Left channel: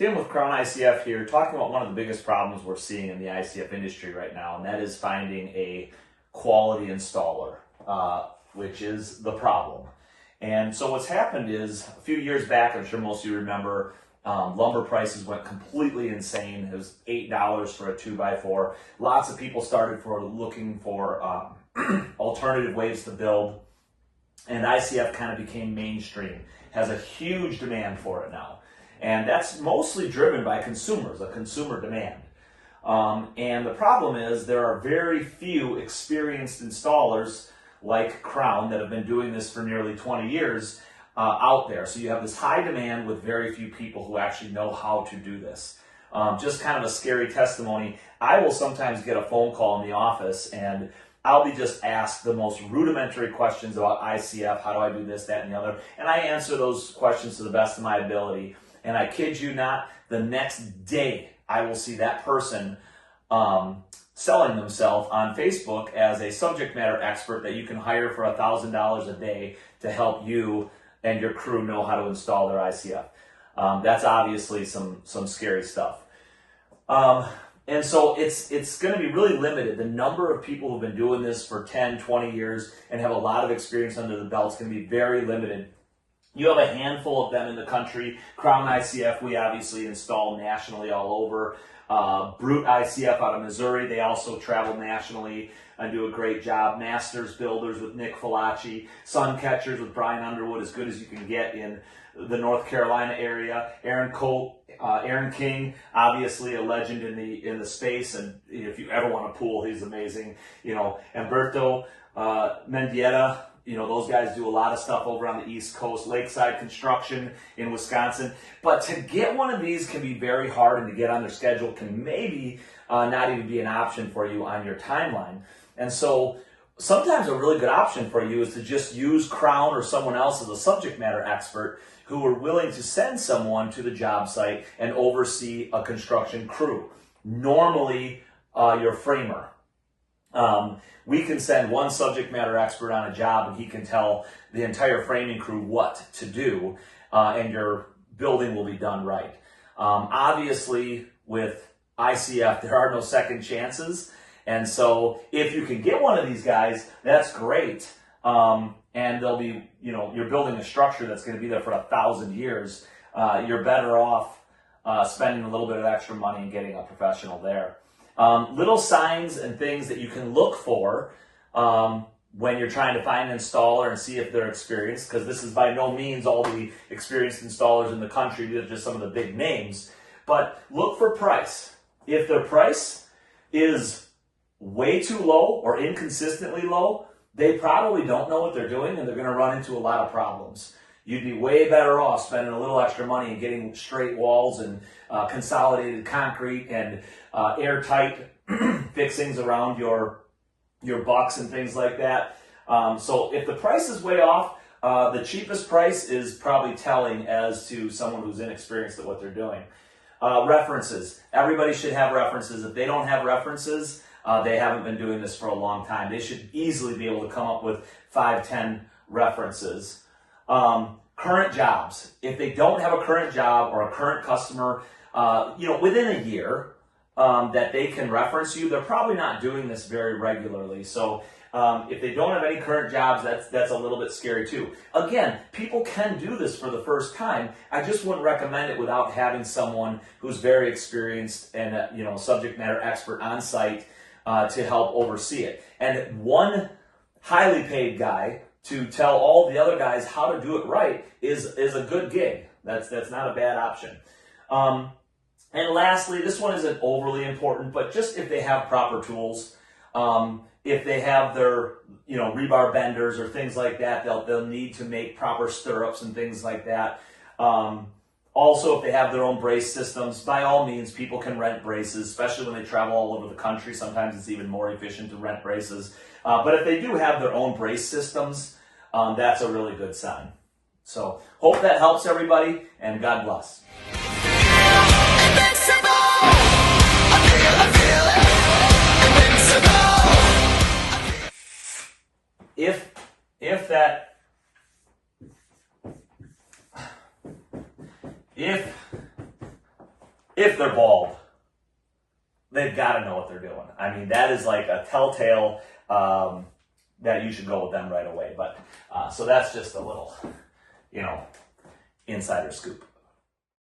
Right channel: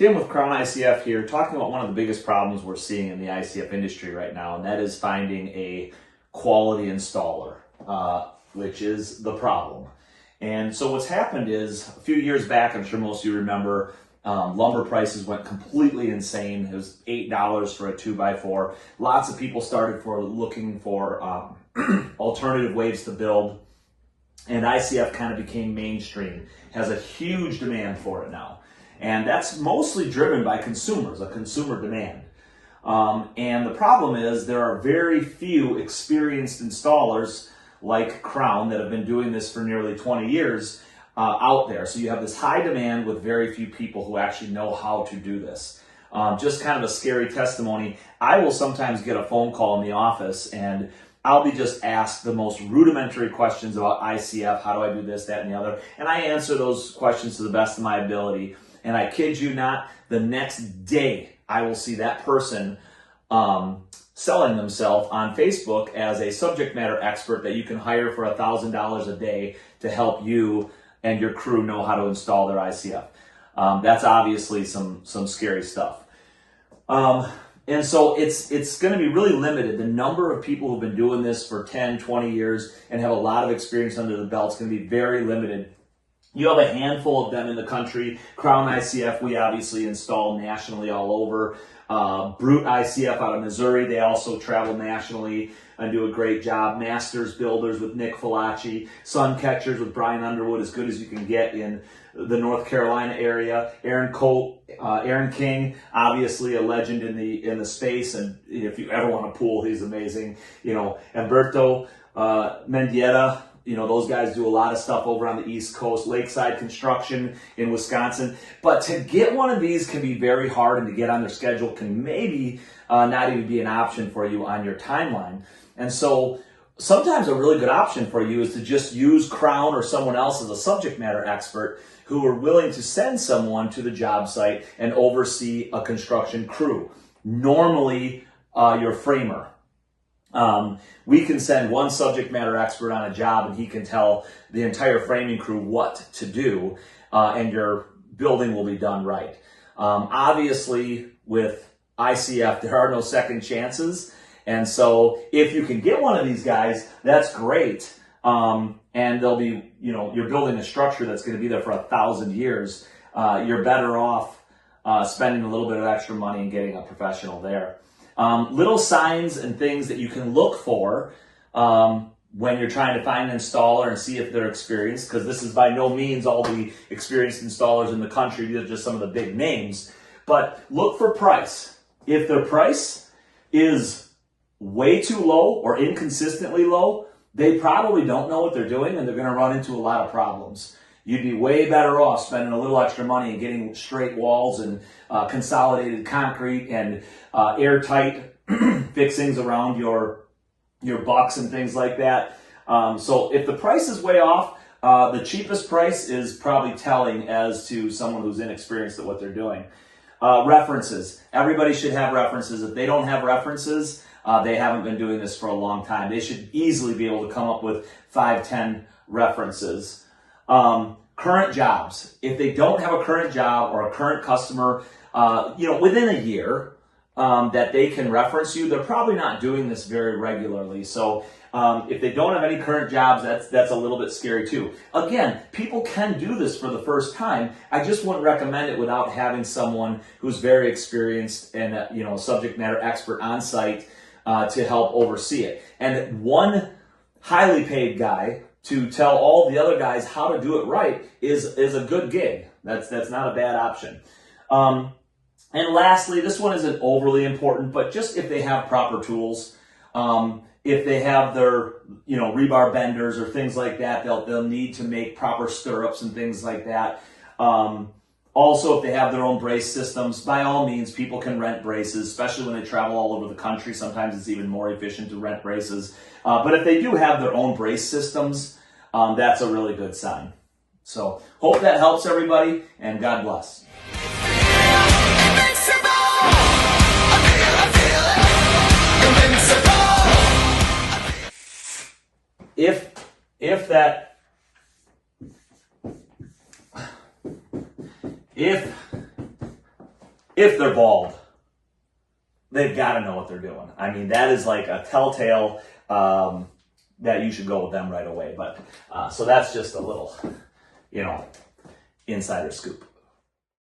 Tim with Crown ICF here, talking about one of the biggest problems we're seeing in the ICF industry right now, and that is finding a quality installer, which is the problem. And so what's happened is, a few years back, I'm sure most of you remember, lumber prices went completely insane. It was $8 for a 2x4. Lots of people started looking for alternative ways to build, and ICF kind of became mainstream, has a huge demand for it now. And that's mostly driven by consumers, a consumer demand. And the problem is there are very few experienced installers like Crown that have been doing this for nearly 20 years out there. So you have this high demand with very few people who actually know how to do this. Just kind of a scary testimony. I will sometimes get a phone call in the office and I'll be just asked the most rudimentary questions about ICF. How do I do this, that, and the other? And I answer those questions to the best of my ability. And I kid you not, the next day I will see that person selling themselves on Facebook as a subject matter expert that you can hire for $1,000 a day to help you and your crew know how to install their ICF. That's obviously some scary stuff. And so it's going to be really limited. The number of people who've been doing this for 10, 20 years and have a lot of experience under the belt is going to be very limited. You have a handful of them in the country. Crown ICF, we obviously install nationally all over. Brute ICF out of Missouri, they also travel nationally and do a great job. Masters Builders with Nick Falacci. Sun Catchers with Brian Underwood, as good as you can get in the North Carolina area. Aaron King, obviously a legend in the space, and if you ever want a pool, he's amazing. Humberto Mendieta. Those guys do a lot of stuff over on the East Coast. Lakeside Construction in Wisconsin. But to get one of these can be very hard, and to get on their schedule can maybe not even be an option for you on your timeline. And so sometimes a really good option for you is to just use Crown or someone else as a subject matter expert who are willing to send someone to the job site and oversee a construction crew. Normally, your framer. We can send one subject matter expert on a job and he can tell the entire framing crew what to do, and your building will be done right. Obviously, with ICF, there are no second chances. And so if you can get one of these guys, that's great. And they'll be, you're building a structure that's going to be there for 1,000 years. You're better off spending a little bit of extra money and getting a professional there. Little signs and things that you can look for when you're trying to find an installer and see if they're experienced, because this is by no means all the experienced installers in the country. These are just some of the big names. But look for price. If their price is way too low or inconsistently low, they probably don't know what they're doing, and they're going to run into a lot of problems. You'd be way better off spending a little extra money and getting straight walls and consolidated concrete and airtight fixings around your bucks and things like that. So if the price is way off, the cheapest price is probably telling as to someone who's inexperienced at what they're doing. References. Everybody should have references. If they don't have references, they haven't been doing this for a long time. They should easily be able to come up with 5, 10 references. Current jobs. If they don't have a current job or a current customer, within a year that they can reference you, they're probably not doing this very regularly. So if they don't have any current jobs, that's a little bit scary too. Again, people can do this for the first time. I just wouldn't recommend it without having someone who's very experienced and a subject matter expert on site to help oversee it. And one highly paid guy to tell all the other guys how to do it right is a good gig. That's not a bad option. And lastly, this one isn't overly important, but just if they have proper tools, if they have their rebar benders or things like that, they'll need to make proper stirrups and things like that. Also, if they have their own brace systems, by all means, people can rent braces, especially when they travel all over the country. Sometimes it's even more efficient to rent braces. But if they do have their own brace systems, that's a really good sign. So hope that helps everybody, and God bless. if they're bald, they've got to know what they're doing. I mean, that is like a telltale that you should go with them right away. But so that's just a little, insider scoop.